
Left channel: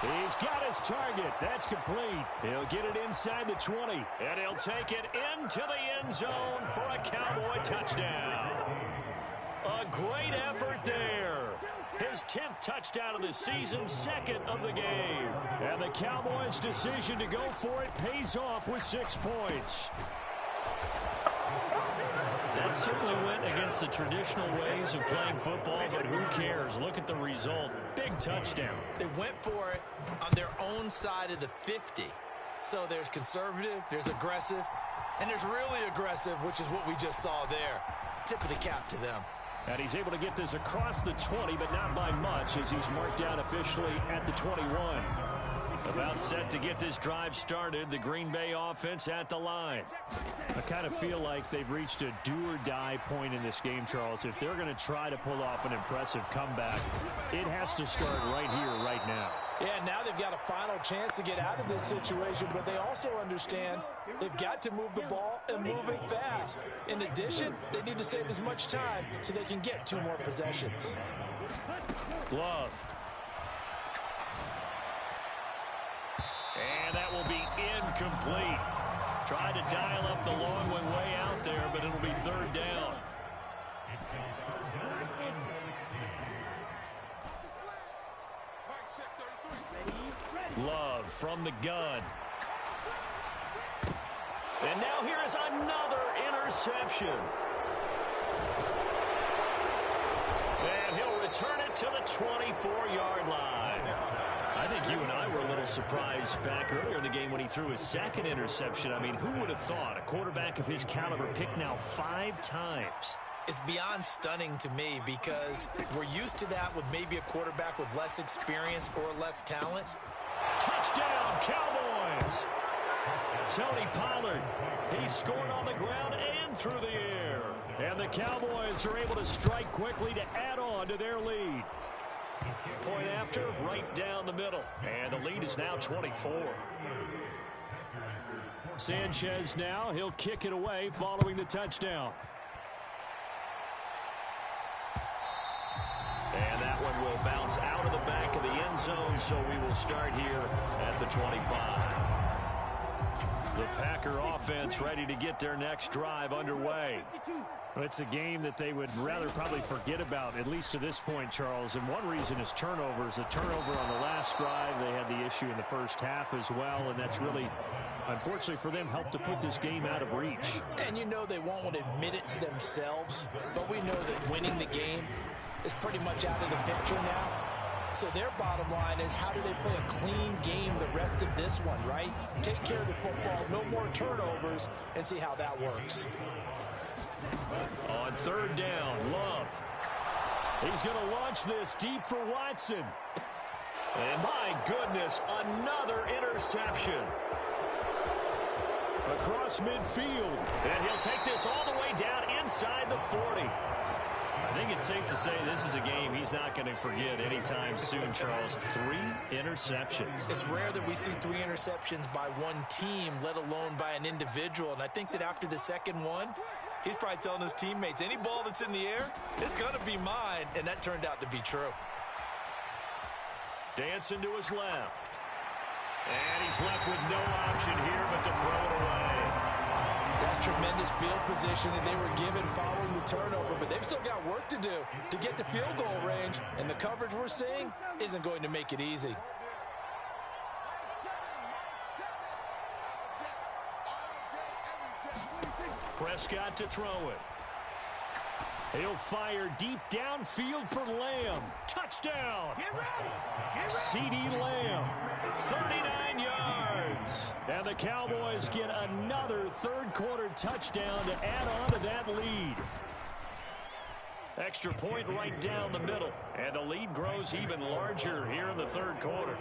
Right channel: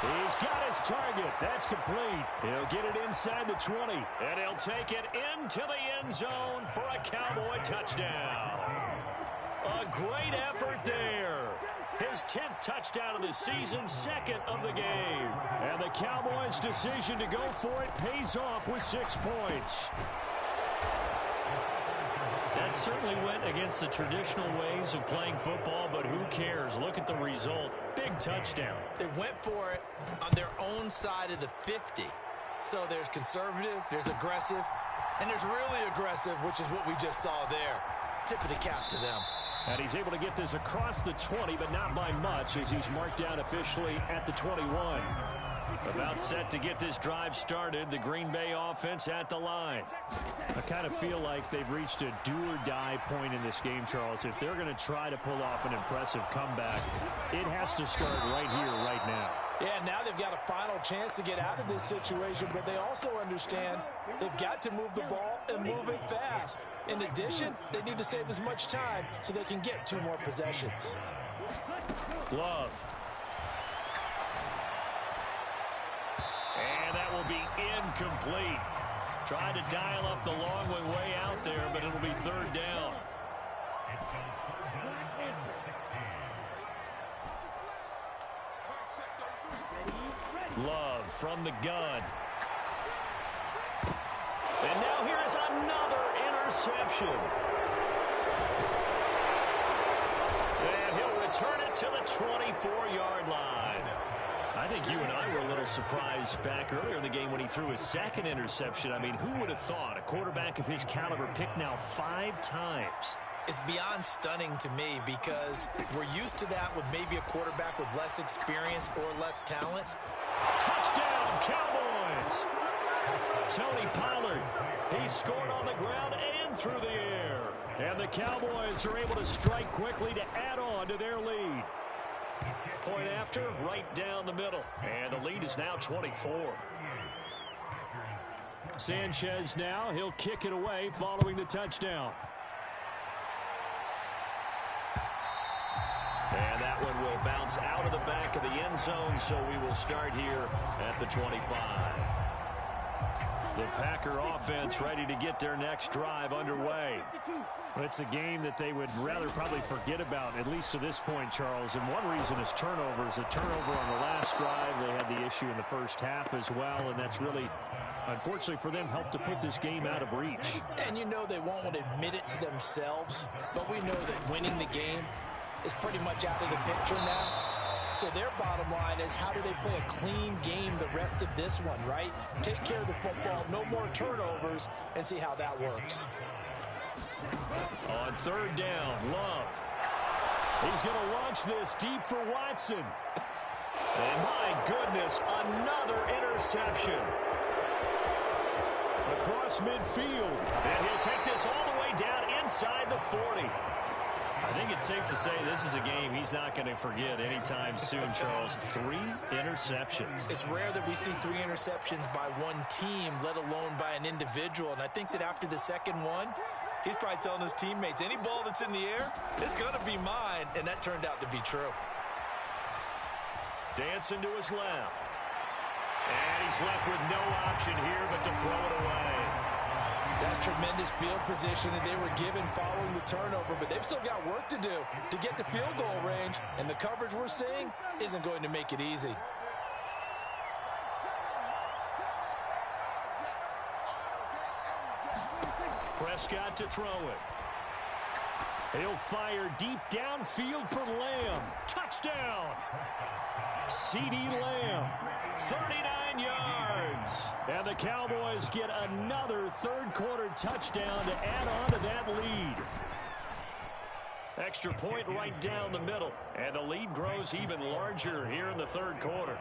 He's got his target. That's complete. He'll get it inside the 20, and he'll take it into the end zone for a Cowboy touchdown. A great effort there. His 10th touchdown of the season, 2nd of the game. And the Cowboys' decision to go for it pays off with 6 points. That certainly went against the traditional ways of playing football, but who cares? Look at the result. Big touchdown. They went for it on their own side of the 50. So there's conservative, there's aggressive, and there's really aggressive, which is what we just saw there. Tip of the cap to them. And he's able to get this across the 20, but not by much, as he's marked down officially at the 21. About set to get this drive started, the Green Bay offense at the line. I kind of feel like they've reached a do-or-die point in this game, Charles. If they're going to try to pull off an impressive comeback, it has to start right here, right now. Yeah, now they've got a final chance to get out of this situation, but they also understand they've got to move the ball and move it fast. In addition, they need to save as much time so they can get 2 more possessions. Love. And that will be incomplete. Tried to dial up the long one way out there, but it'll be 3rd down. Love from the gun. And now here is another interception. And he'll return it to the 24-yard line. I think you and I were a little surprised back earlier in the game when he threw his 2nd interception. I mean, who would have thought a quarterback of his caliber picked now 5 times? It's beyond stunning to me because we're used to that with maybe a quarterback with less experience or less talent. Touchdown, Cowboys! Tony Pollard, he scored on the ground and through the air. And the Cowboys are able to strike quickly to add on to their lead. Point after, right down the middle. And the lead is now 24. Sanchez now, he'll kick it away following the touchdown. And that one will bounce out of the back of the end zone, so we will start here at the 25. The Packer offense ready to get their next drive underway. Well, it's a game that they would rather probably forget about, at least to this point, Charles. And one reason is turnovers. A turnover on the last drive. They had the issue in the first half as well, and that's really, unfortunately for them, helped to put this game out of reach. And you know they won't want to admit it to themselves, but we know that winning the game is pretty much out of the picture now. So their bottom line is, how do they play a clean game the rest of this one, right? Take care of the football, no more turnovers, and see how that works. On third down, Love. He's going to launch this deep for Watson. And my goodness, another interception. Across midfield. And he'll take this all the way down inside the 40. I think it's safe to say this is a game he's not going to forget anytime soon, Charles. 3 interceptions. It's rare that we see 3 interceptions by one team, let alone by an individual. And I think that after the second one, he's probably telling his teammates, any ball that's in the air, it's going to be mine. And that turned out to be true. Dancing to his left. And he's left with no option here but to throw it away. That's tremendous field position that they were given following the turnover, but they've still got work to do to get to field goal range, and the coverage we're seeing isn't going to make it easy. Prescott to throw it. He'll fire deep downfield for Lamb. Touchdown! CeeDee Lamb, 39 yards. And the Cowboys get another third-quarter touchdown to add on to that lead. Extra point right down the middle. And the lead grows even larger here in the third quarter.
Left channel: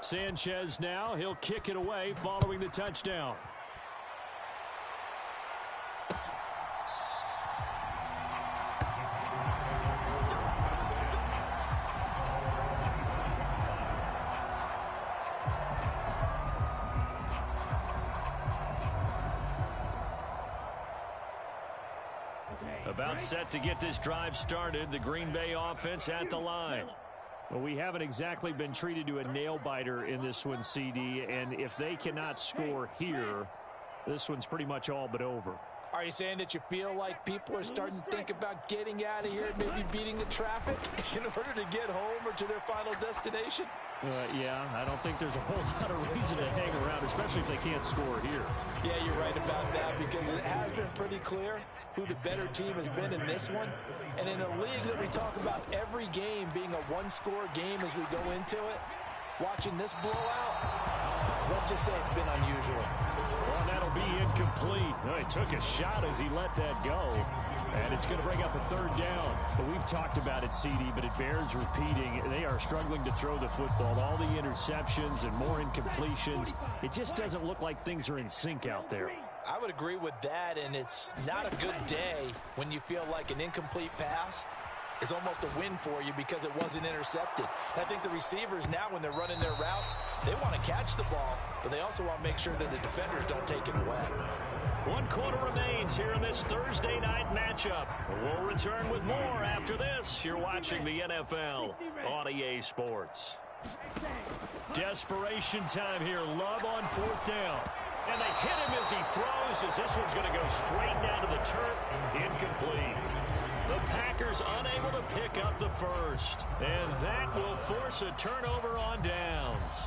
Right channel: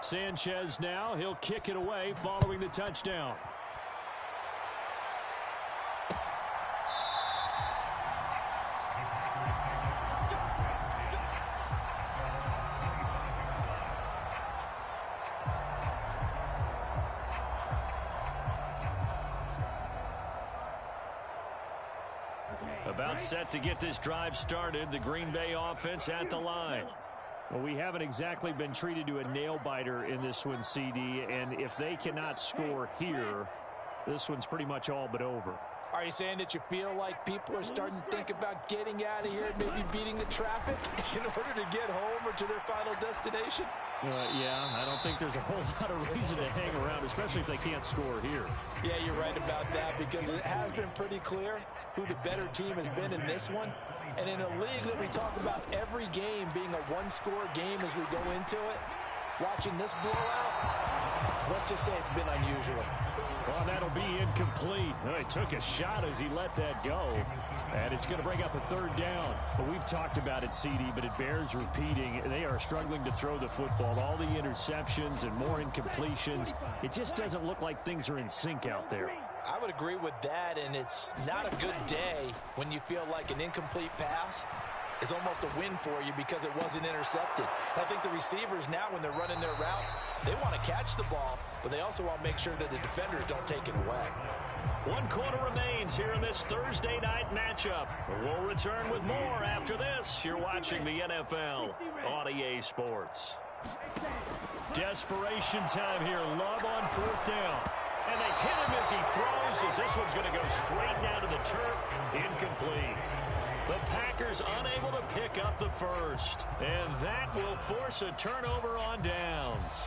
Sanchez now, he'll kick it away following the touchdown. About set to get this drive started, the Green Bay offense at the line. Well, we haven't exactly been treated to a nail-biter in this one, CD, and if they cannot score here, this one's pretty much all but over. Are you saying that you feel like people are starting to think about getting out of here, maybe beating the traffic in order to get home or to their final destination? Yeah, I don't think there's a whole lot of reason to hang around, especially if they can't score here. Yeah, you're right about that, because it has been pretty clear who the better team has been in this one. And in a league that we talk about every game being a one-score game as we go into it, watching this blowout, let's just say it's been unusual. Well, that'll be incomplete. He took a shot as he let that go. And it's going to bring up a third down. But we've talked about it, CD, but it bears repeating. They are struggling to throw the football. All the interceptions and more incompletions. It just doesn't look like things are in sync out there. I would agree with that, and it's not a good day when you feel like an incomplete pass is almost a win for you because it wasn't intercepted. And I think the receivers now, when they're running their routes, they want to catch the ball, but they also want to make sure that the defenders don't take it away. 1 quarter remains here in this Thursday night matchup. We'll return with more after this. You're watching the NFL on EA Sports. Desperation time here. Love on 4th down. And they hit him as he throws, as this one's going to go straight down to the turf. Incomplete. The Packers unable to pick up the first. And that will force a turnover on downs.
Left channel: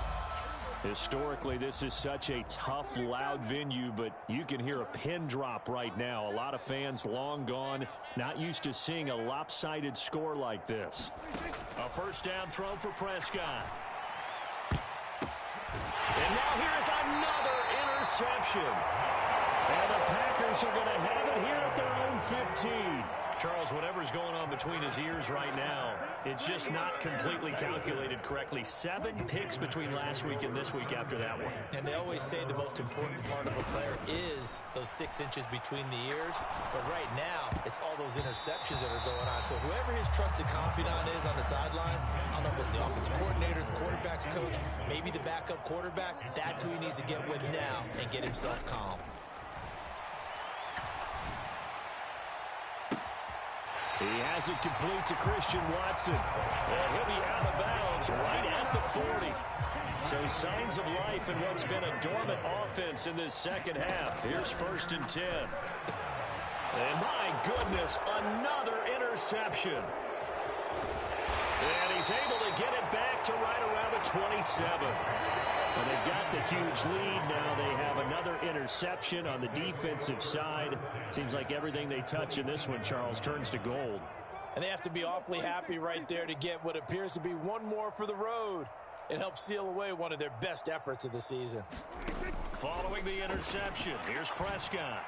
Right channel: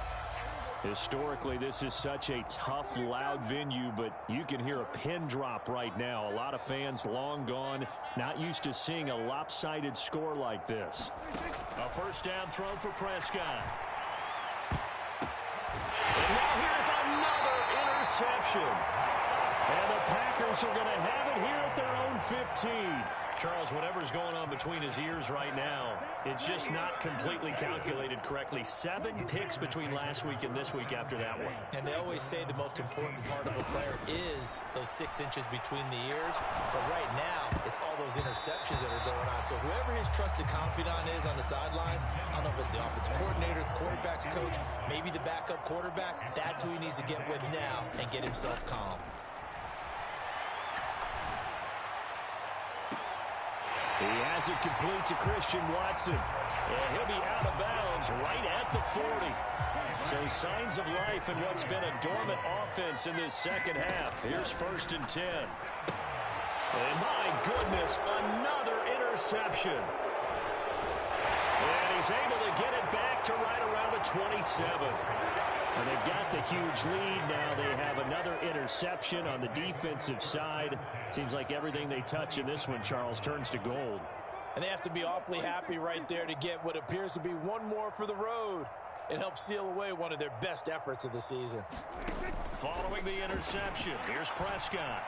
Historically, this is such a tough, loud venue, but you can hear a pin drop right now. A lot of fans long gone, not used to seeing a lopsided score like this. A first down throw for Prescott. And now here's another interception. And the Packers are going to have it here at their own 15. Charles, whatever's going on between his ears right now, it's just not completely calculated correctly. 7 picks between last week and this week after that one. And they always say the most important part of a player is those 6 inches between the ears. But right now, it's all those interceptions that are going on. So whoever his trusted confidant is on the sidelines, I don't know if it's the offensive coordinator, the quarterback's coach, maybe the backup quarterback, that's who he needs to get with now and get himself calm. He has it complete to Christian Watson. And he'll be out of bounds right at the 40. So signs of life in what's been a dormant offense in this second half. Here's 1st and 10. And my goodness, another interception. And he's able to get it back to right around the 27. And they've got the huge lead now. They have another interception on the defensive side. Seems like everything they touch in this one, Charles, turns to gold. And they have to be awfully happy right there to get what appears to be one more for the road. It helps seal away one of their best efforts of the season. Following the interception, here's Prescott.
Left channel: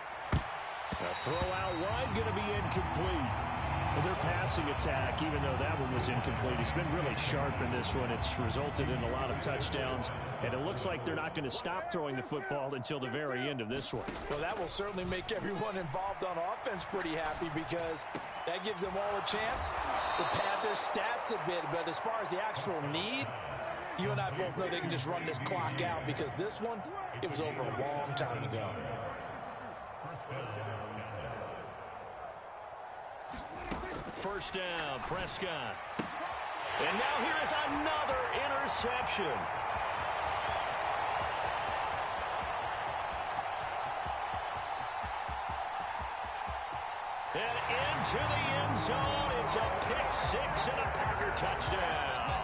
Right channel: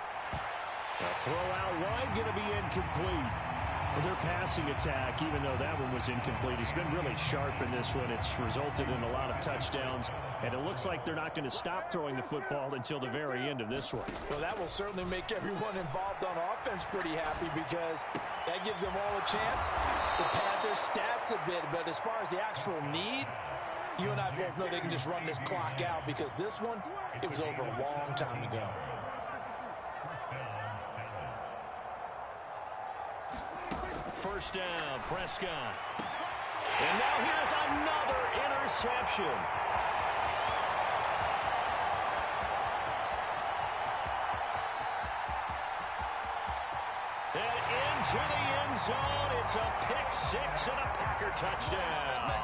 A throw out wide, going to be incomplete. Well, their passing attack, even though that one was incomplete, has been really sharp in this one. It's resulted in a lot of touchdowns, and it looks like they're not going to stop throwing the football until the very end of this one. Well, that will certainly make everyone involved on offense pretty happy because that gives them all a chance to pad their stats a bit. But as far as the actual need, you and I both know they can just run this clock out because this one, it was over a long time ago. First down, Prescott. And now here is another interception. And into the end zone, it's a pick six and a Packer touchdown.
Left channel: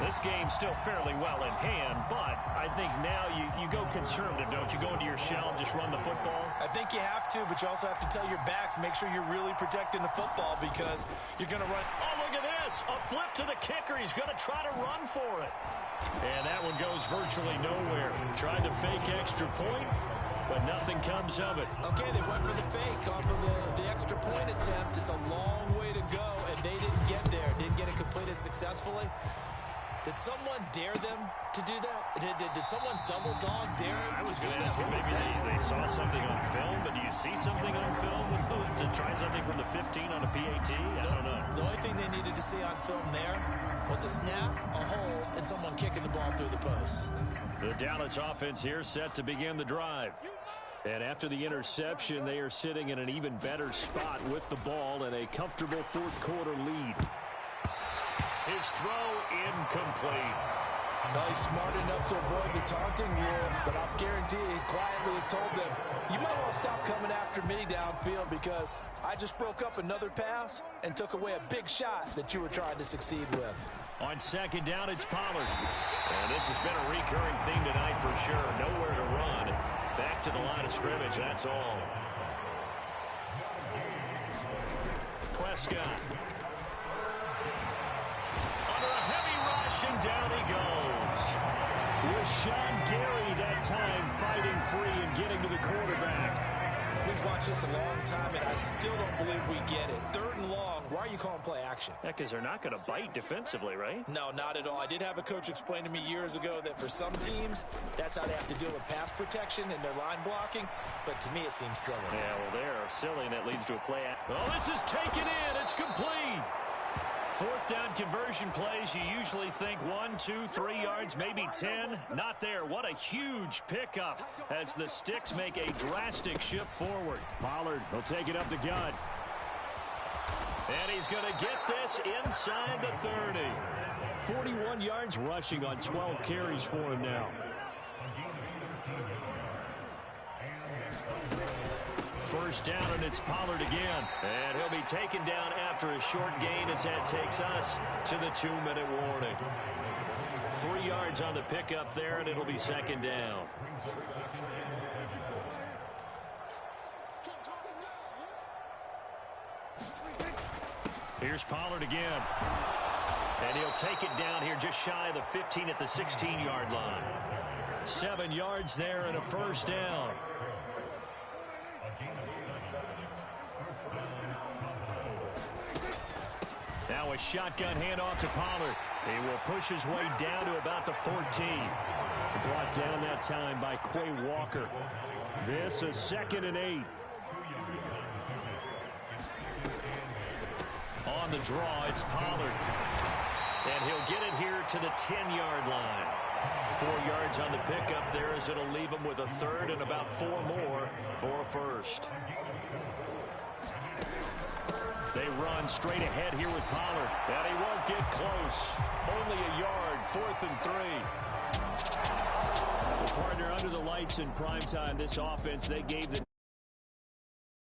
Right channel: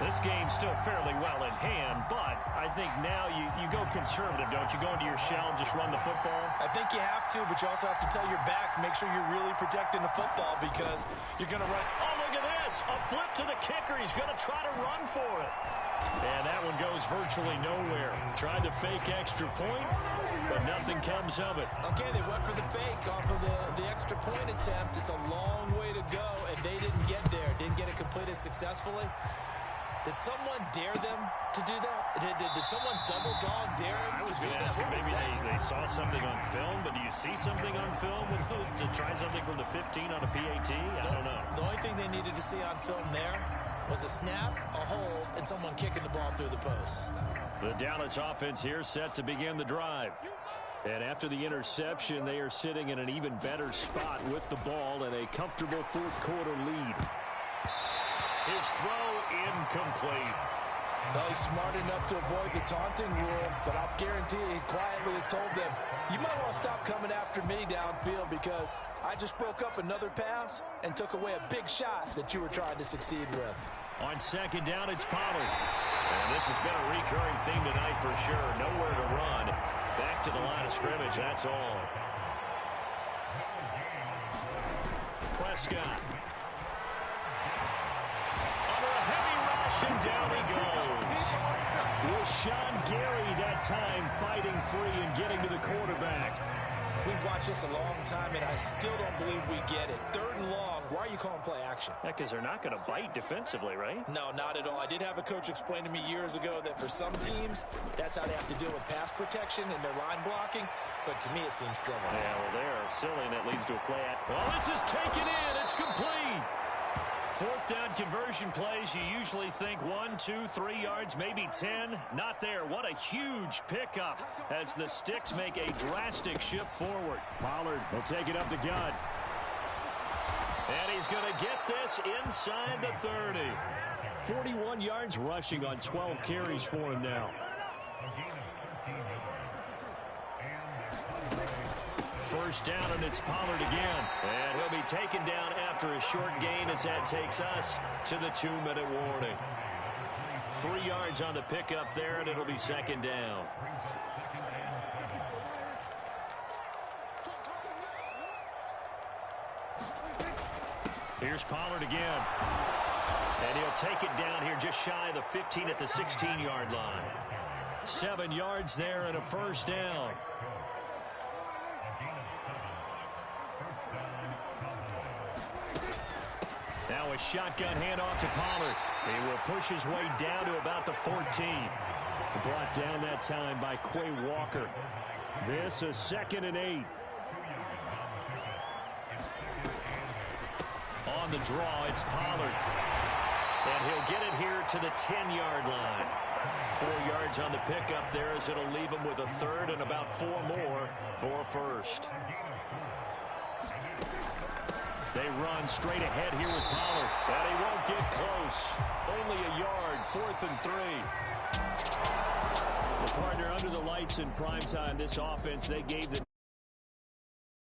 This game's still fairly well in hand, but I think now you go conservative, don't you? Go into your shell and just run the football? I think you have to, but you also have to tell your backs, make sure you're really protecting the football because you're going to run. Oh, look at this. A flip to the kicker. He's going to try to run for it. And that one goes virtually nowhere. Tried the fake extra point, but nothing comes of it. Okay, they went for the fake off of the extra point attempt. It's a long way to go, and they didn't get there. Didn't get it completed successfully. Did someone dare them to do that? Did someone double dog dare them? I was going to ask you, maybe they saw something on film, but do you see something on film with those to try something from the 15 on a PAT? I don't know. The only thing they needed to see on film there was a snap, a hold, and someone kicking the ball through the post. The Dallas offense here set to begin the drive. And after the interception, they are sitting in an even better spot with the ball and a comfortable fourth quarter lead. His throw incomplete. Well, he's smart enough to avoid the taunting rule, but I'll guarantee he quietly has told them, you might want to stop coming after me downfield because I just broke up another pass and took away a big shot that you were trying to succeed with. On second down, it's Pollard. And this has been a recurring theme tonight for sure. Nowhere to run. Back to the line of scrimmage, that's all. Prescott. Under a heavy rush, and down he goes. Rashawn Gary that time fighting free and getting to the quarterback. We've watched this a long time, and I still don't believe we get it. 3rd and long, why are you calling play action? Yeah, because they're not going to bite defensively, right? No, not at all. I did have a coach explain to me years ago that for some teams, that's how they have to deal with pass protection and their line blocking. But to me, it seems silly. Yeah, well, they're silly, and that leads to a play. Oh, this is taken in. It's complete. 4th down conversion plays, you usually think 1, 2, 3 yards, maybe 10. Not there. What a huge pickup as the Sticks make a drastic shift forward. Pollard will take it up the gut. And he's going to get this inside the 30. 41 yards rushing on 12 carries for him now. First down, and it's Pollard again. And he'll be taken down after a short gain as that takes us to the 2-minute warning. 3 yards on the pickup there, and it'll be second down. Here's Pollard again. And he'll take it down here just shy of the 15 at the 16-yard line. 7 yards there and a first down. Now a shotgun handoff to Pollard. He will push his way down to about the 14. Brought down that time by Quay Walker. This is 2nd and 8. On the draw, it's Pollard. And he'll get it here to the 10-yard line. 4 yards on the pickup there as it'll leave him with a 3rd and about 4 more for a first. They run straight ahead here with Pollard. And he won't get close. Only a yard, 4th and 3. Well, partner, under the lights in prime time, this offense, they gave the